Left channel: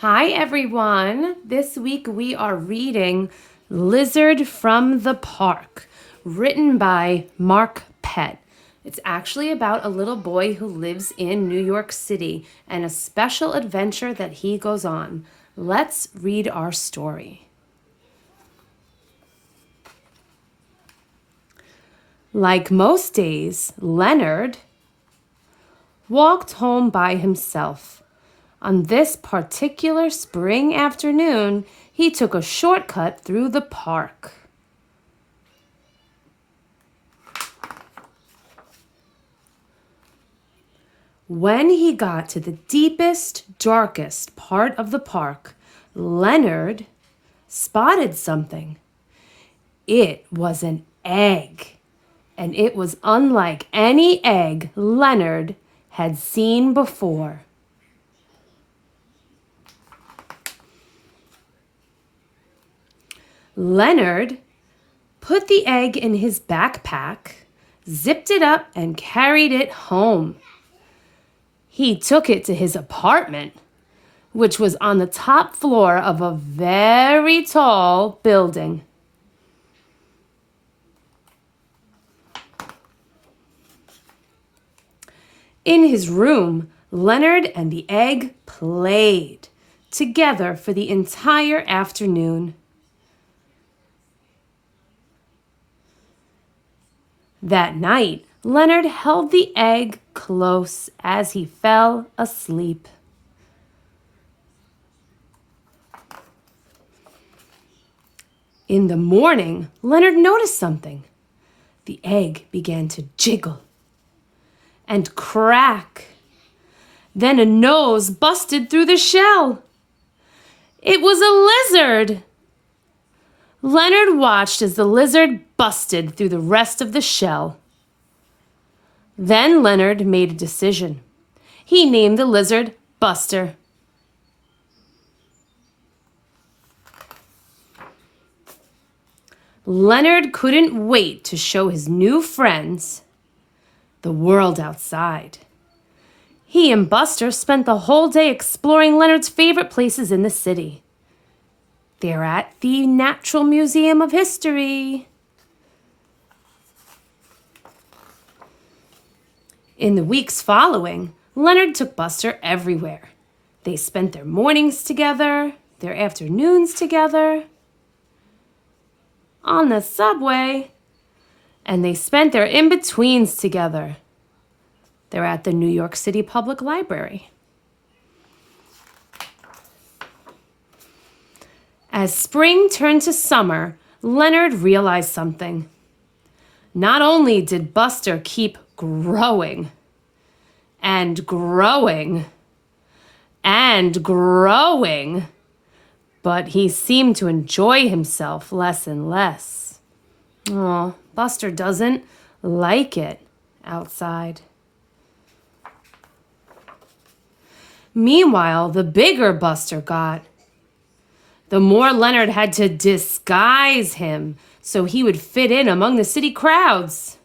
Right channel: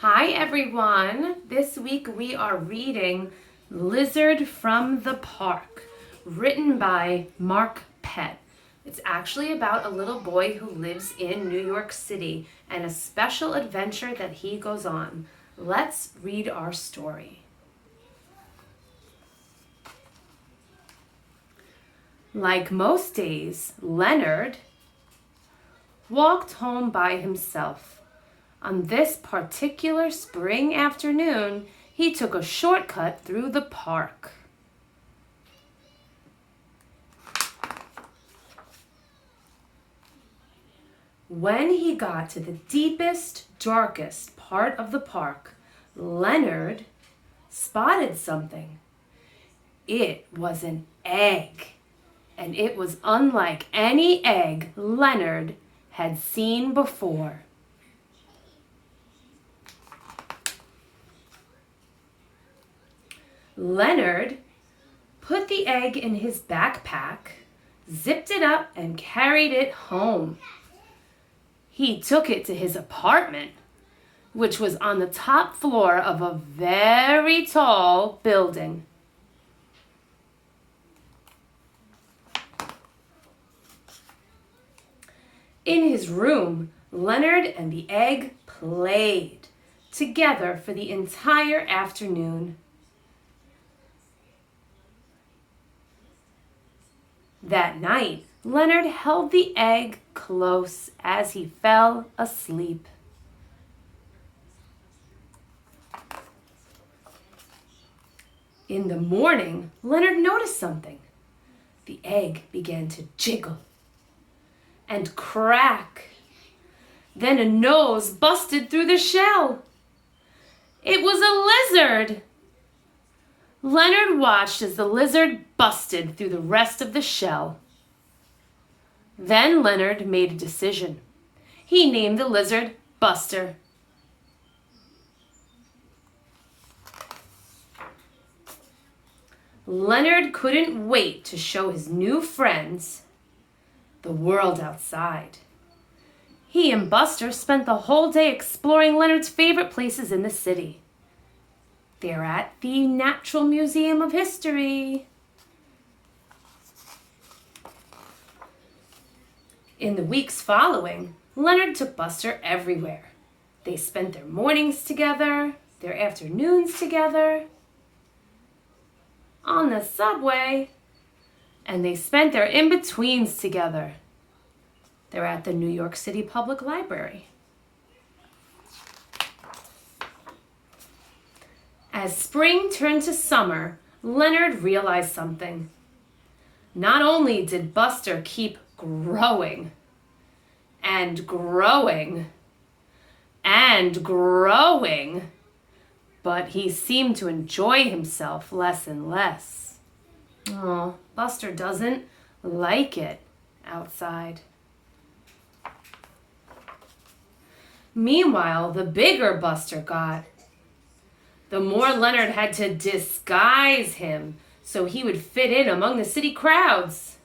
Hi everyone! This week we are reading Lizard from the Park, written by Mark Pett. It's actually about a little boy who lives in New York City and a special adventure that he goes on. Let's read our story. Like most days, Leonard walked home by himself. On this particular spring afternoon, he took a shortcut through the park. When he got to the deepest, darkest part of the park, Leonard spotted something. It was an egg, and it was unlike any egg Leonard had seen before. Leonard put the egg in his backpack, zipped it up, and carried it home. He took it to his apartment, which was on the top floor of a very tall building. In his room, Leonard and the egg played together for the entire afternoon. That night, Leonard held the egg close as he fell asleep. In the morning, Leonard noticed something. The egg began to jiggle and crack. Then a nose busted through the shell. It was a lizard. Leonard watched as the lizard busted through the rest of the shell. Then Leonard made a decision. He named the lizard Buster. Leonard couldn't wait to show his new friends the world outside. He and Buster spent the whole day exploring Leonard's favorite places in the city. They're at the Natural Museum of History. In the weeks following, Leonard took Buster everywhere. They spent their mornings together, their afternoons together, on the subway, and they spent their in-betweens together. They're at the New York City Public Library. As spring turned to summer, Leonard realized something. Not only did Buster keep growing and growing and growing, but he seemed to enjoy himself less and less. Oh, Buster doesn't like it outside. Meanwhile, the bigger Buster got, the more Leonard had to disguise him so he would fit in among the city crowds.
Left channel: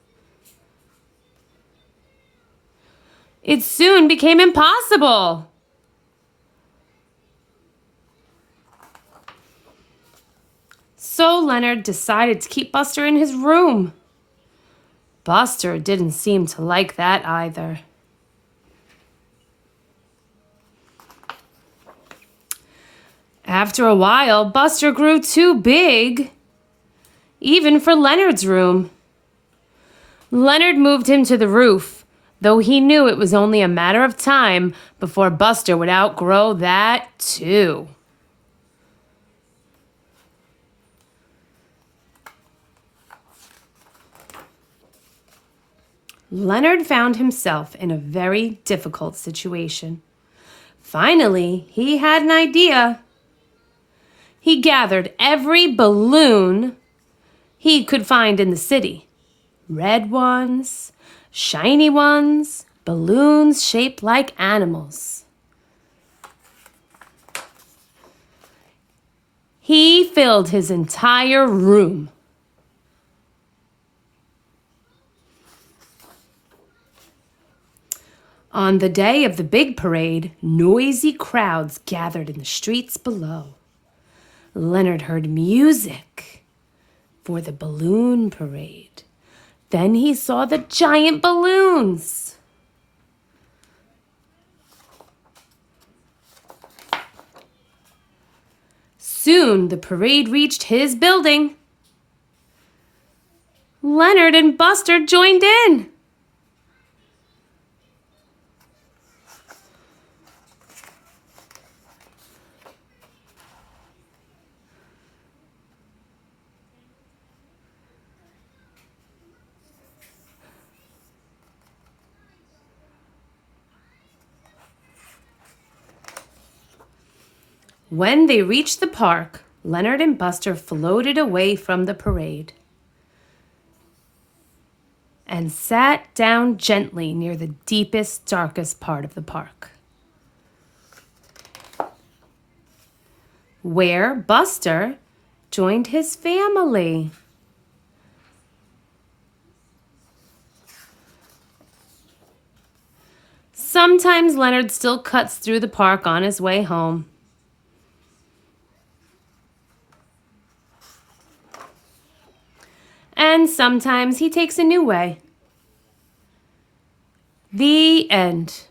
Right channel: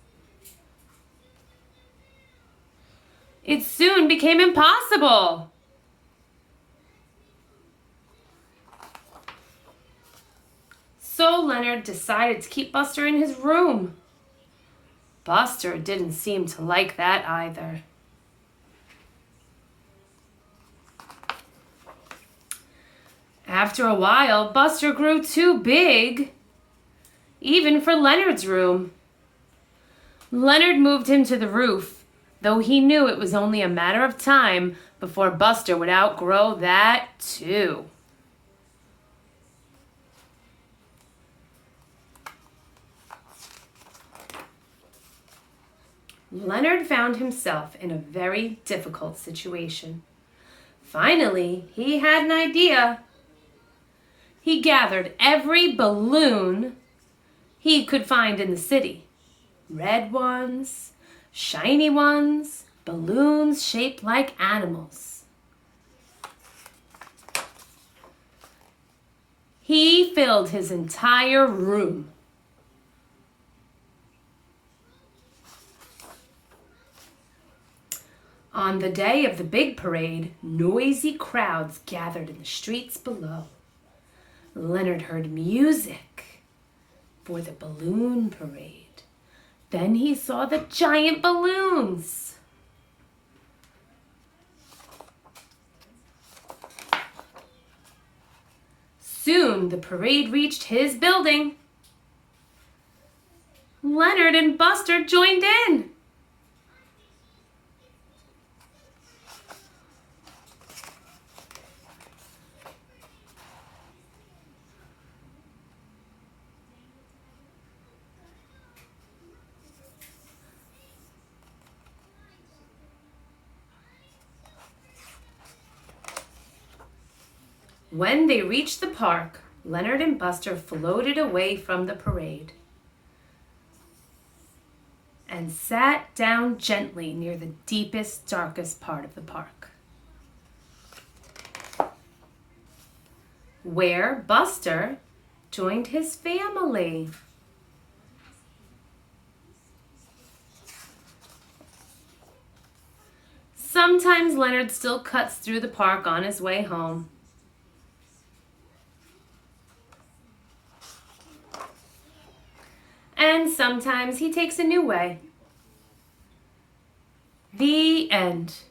It soon became impossible. So Leonard decided to keep Buster in his room. Buster didn't seem to like that either. After a while, Buster grew too big, even for Leonard's room. Leonard moved him to the roof, though he knew it was only a matter of time before Buster would outgrow that too. Leonard found himself in a very difficult situation. Finally, he had an idea. He gathered every balloon he could find in the city. Red ones, shiny ones, balloons shaped like animals. He filled his entire room. On the day of the big parade, noisy crowds gathered in the streets below. Leonard heard music for the balloon parade. Then he saw the giant balloons. Soon the parade reached his building. Leonard and Buster joined in. When they reached the park, Leonard and Buster floated away from the parade and sat down gently near the deepest, darkest part of the park, where Buster joined his family. Sometimes Leonard still cuts through the park on his way home. And sometimes he takes a new way. The end.